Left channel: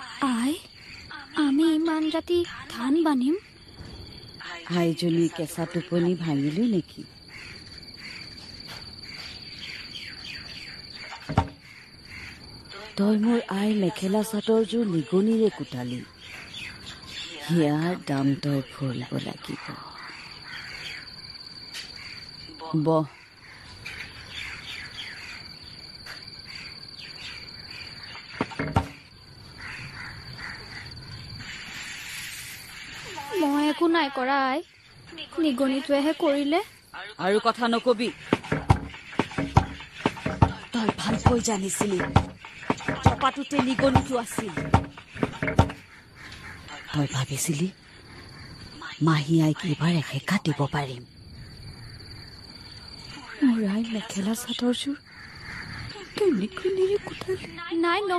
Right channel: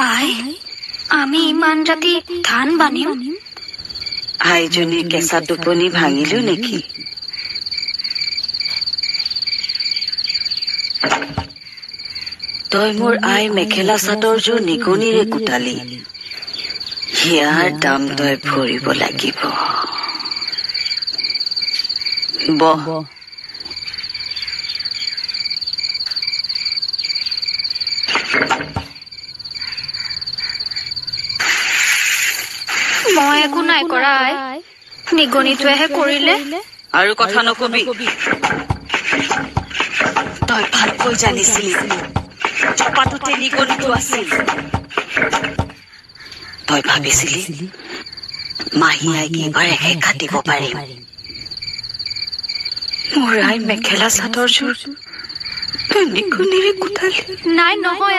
আই আমি ইমান ৰাতি ধান বানিম আইজনীৰ কেঁচা টোপনি ভাঙিলো নেকি? তই মোৰ আই মেখেলা চাদৰযোৰ নিগনিৰে কুটালি, ইয়াৰ দাম তই ভৰিব লাগিব। বহ মই একো নাই কৰা নিগনিটোৱেহে কৰিলে। আৰু কথা নকবি, তই ভালকৈ জানিছিলি চপাটোতে নিগনিটো আছিল। তই ভাবিছিলি মাহীয়ে এইবাৰ একা দিব পাৰিম। মোৰ আই মেখেলা চাদৰযোৰ তই নিগনিৰে কুটালি। নাই নহয়